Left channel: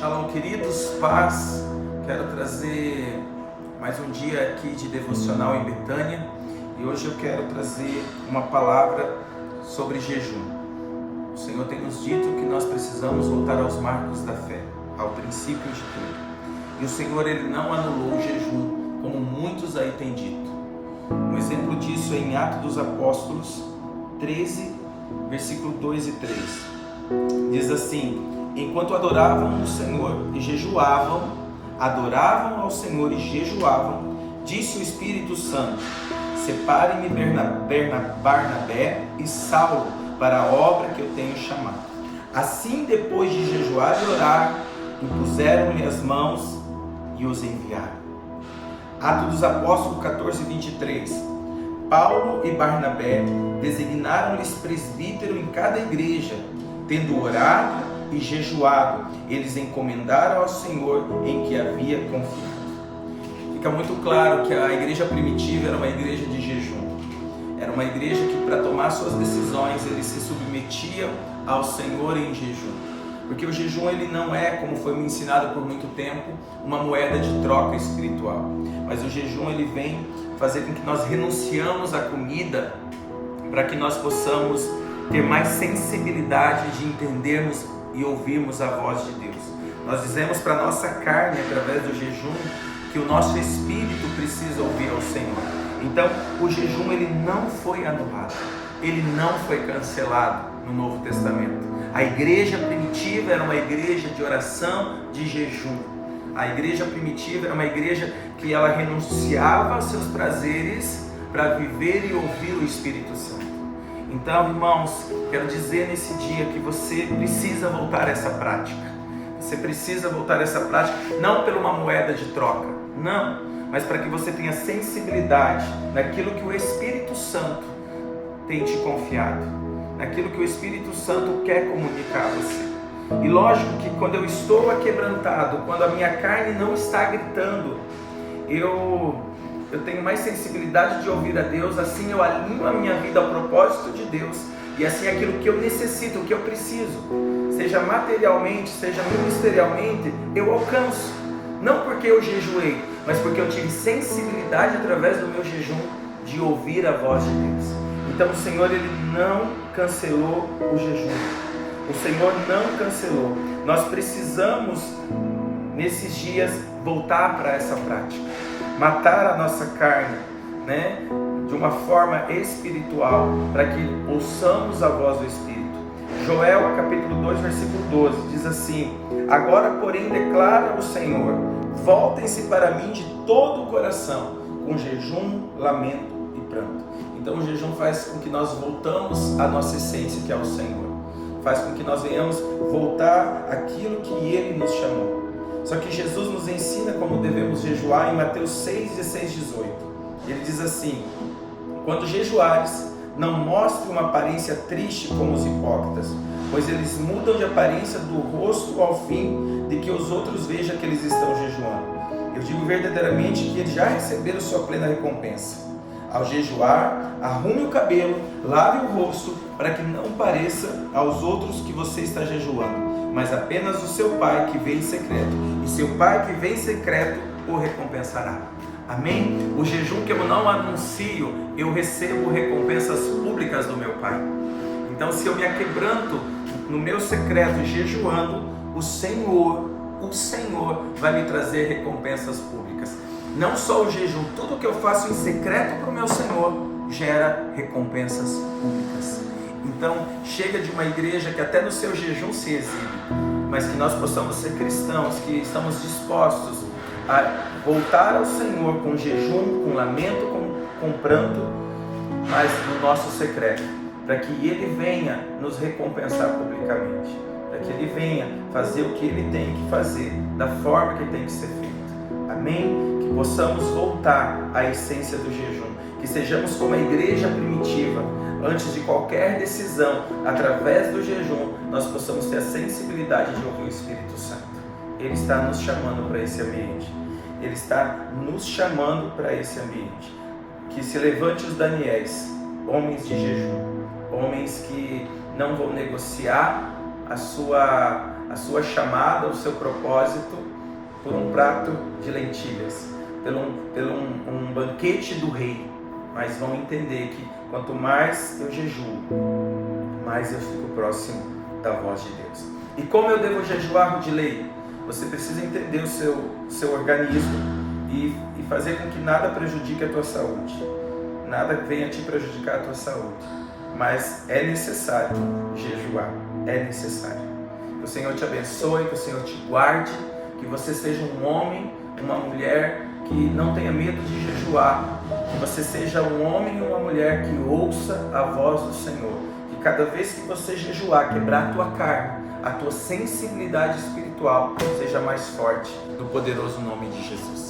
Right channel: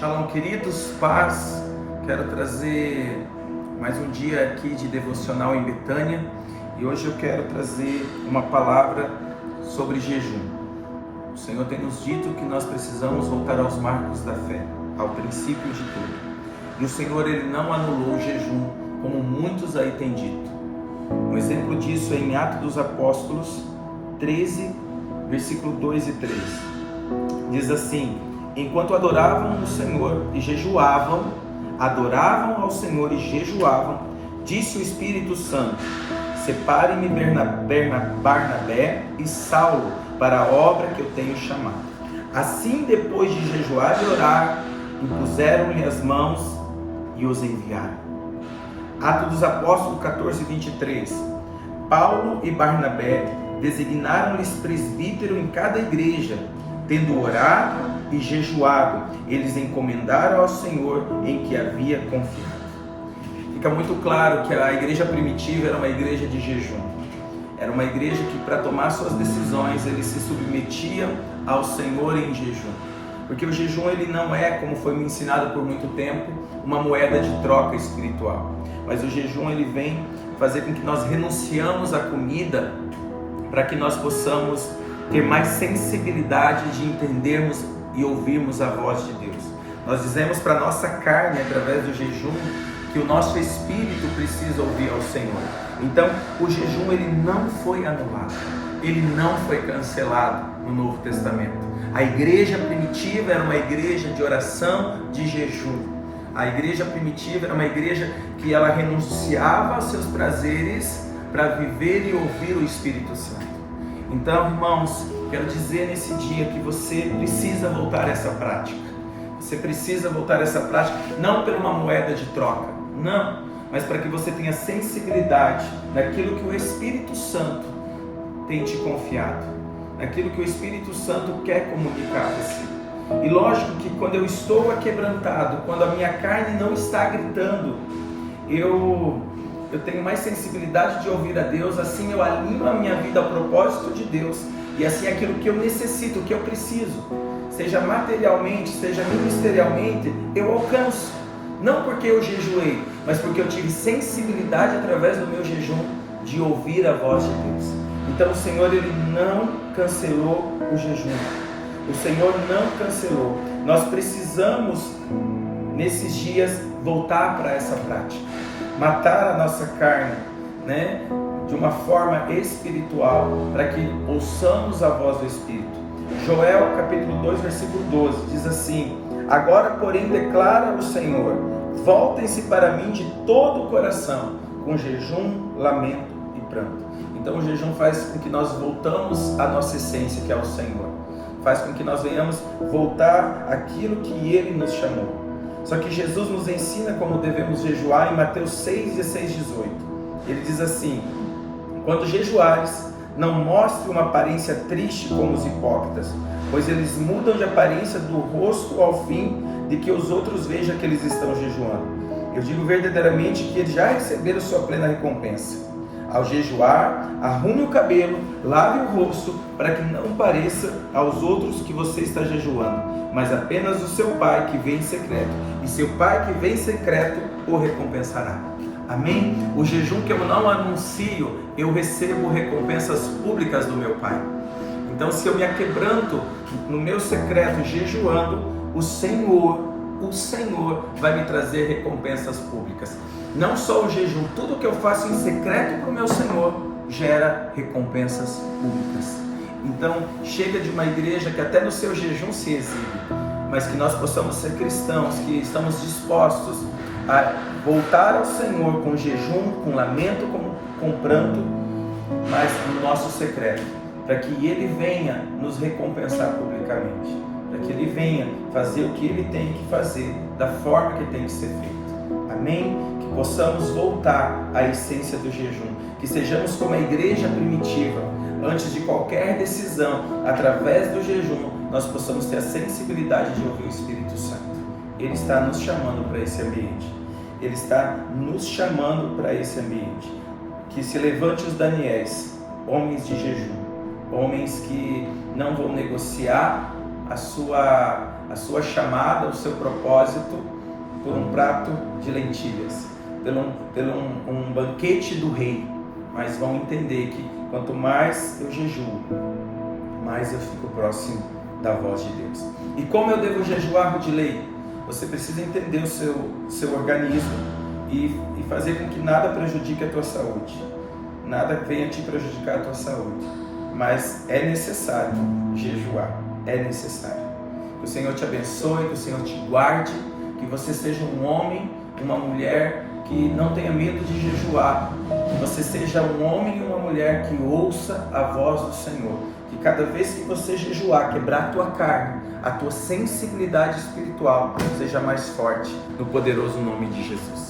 Shalom, queridos, paz. Quero trazer mais um dia aqui de devocional em Betânia e hoje eu quero trazer uma palavra sobre jejum. O Senhor tem nos dito que nós precisamos voltar aos marcos da fé, ao princípio de tudo. E o Senhor, Ele não anulou o jejum, como muitos aí têm dito. Um exemplo disso é em Atos dos Apóstolos 13, versículo 2 e 3. Diz assim: enquanto adoravam o Senhor e jejuavam, adoravam ao Senhor e jejuavam, disse o Espírito Santo: separe-me Barnabé e Saulo para a obra que eu tenho chamado. Assim, depois de jejuar e orar, impuseram-lhe as mãos e os enviaram. Atos dos Apóstolos 14, 23. Paulo e Barnabé designaram-lhes presbítero em cada igreja. Tendo orado e jejuado, eles encomendaram ao Senhor em que havia confiado. Fica muito claro que a igreja primitiva era uma igreja de jejum. Era uma igreja que, para tomar suas decisões, eles se submetiam ao Senhor em jejum. Porque o jejum, ele não é, como foi me ensinado por muito tempo, uma moeda de troca espiritual. Mas o jejum, ele vem fazer com que nós renunciamos à comida para que nós possamos ter mais sensibilidade de entendermos e ouvirmos a voz de Deus. Nós dizemos para a nossa carne, através do jejum, que o nosso espírito precisa ouvir ao Senhor. Então, o jejum, ele não foi anulado, ele não foi cancelado no Novo Testamento. A igreja primitiva era uma igreja de oração, de jejum. A igreja primitiva era uma igreja que ela renunciava aos seus prazeres para viver e ouvir o Espírito Santo. Então, irmãos, quero dizer nesse dia que você precisa voltar a essa prática. Você precisa voltar a essa prática, não por uma moeda de troca, não, mas para que você tenha sensibilidade naquilo que o Espírito Santo tem te confiado, naquilo que o Espírito Santo quer comunicar a você. E lógico que quando eu estou aquebrantado, quando a minha carne não está gritando, eu tenho mais sensibilidade de ouvir a Deus, assim eu alinho a minha vida ao propósito de Deus, e assim aquilo que eu necessito, o que eu preciso, seja materialmente, seja ministerialmente, eu alcanço. Não porque eu jejuei, mas porque eu tive sensibilidade através do meu jejum de ouvir a voz de Deus. Então o Senhor, Ele não cancelou o jejum. O Senhor não cancelou. Nós precisamos, nesses dias, voltar para essa prática. Matar a nossa carne, de uma forma espiritual, para que ouçamos a voz do Espírito. Joel capítulo 2, versículo 12, diz assim: agora, porém, declara o Senhor, voltem-se para mim de todo o coração, com jejum, lamento e pranto. Então o jejum faz com que nós voltamos à nossa essência, que é o Senhor. Faz com que nós venhamos voltar àquilo que Ele nos chamou. Só que Jesus nos ensina como devemos jejuar em Mateus 6, 16, 18. Ele diz assim: quando jejuares, não mostre uma aparência triste como os hipócritas, pois eles mudam de aparência do rosto ao fim de que os outros vejam que eles estão jejuando. Eu digo verdadeiramente que eles já receberam sua plena recompensa. Ao jejuar, arrume o cabelo, lave o rosto, para que não pareça aos outros que você está jejuando, mas apenas o seu Pai que vem em secreto, e seu Pai que vem em secreto o recompensará. Amém? O jejum que eu não anuncio, eu recebo recompensas públicas do meu Pai. Então, se eu me aquebranto no meu secreto jejuando, o Senhor vai me trazer recompensas públicas. Não só o jejum, tudo que eu faço em secreto para o meu Senhor gera recompensas públicas. Então, chega de uma igreja que até no seu jejum se exibe, mas que nós possamos ser cristãos, que estamos dispostos a voltar ao Senhor com jejum, com lamento, com pranto, mas no nosso secreto, para que Ele venha nos recompensar publicamente, para que Ele venha fazer o que Ele tem que fazer, da forma que tem que ser feito. Amém? Que possamos voltar à essência do jejum, que sejamos como a igreja primitiva. Antes de qualquer decisão, através do jejum, nós possamos ter a sensibilidade de ouvir o Espírito Santo. Ele está nos chamando para esse ambiente. Ele está nos chamando para esse ambiente. Que se levante os Daniéis, homens de jejum, homens que não vão negociar a sua a sua chamada, o seu propósito por um prato de lentilhas, pelo um banquete do rei. Mas vão entender que quanto mais eu jejuo, mais eu fico próximo da voz de Deus. E como eu devo jejuar, Rudilei? Você precisa entender o seu organismo e fazer com que nada prejudique a tua saúde. Nada venha te prejudicar a tua saúde. Mas é necessário jejuar. É necessário. Que o Senhor te abençoe, que o Senhor te guarde, que você seja um homem, uma mulher que não tenha medo de jejuar. Que você seja um homem e uma mulher que ouça a voz do Senhor. Que cada vez que você jejuar, quebrar a tua carne, a tua sensibilidade espiritual seja mais forte no poderoso nome de Jesus.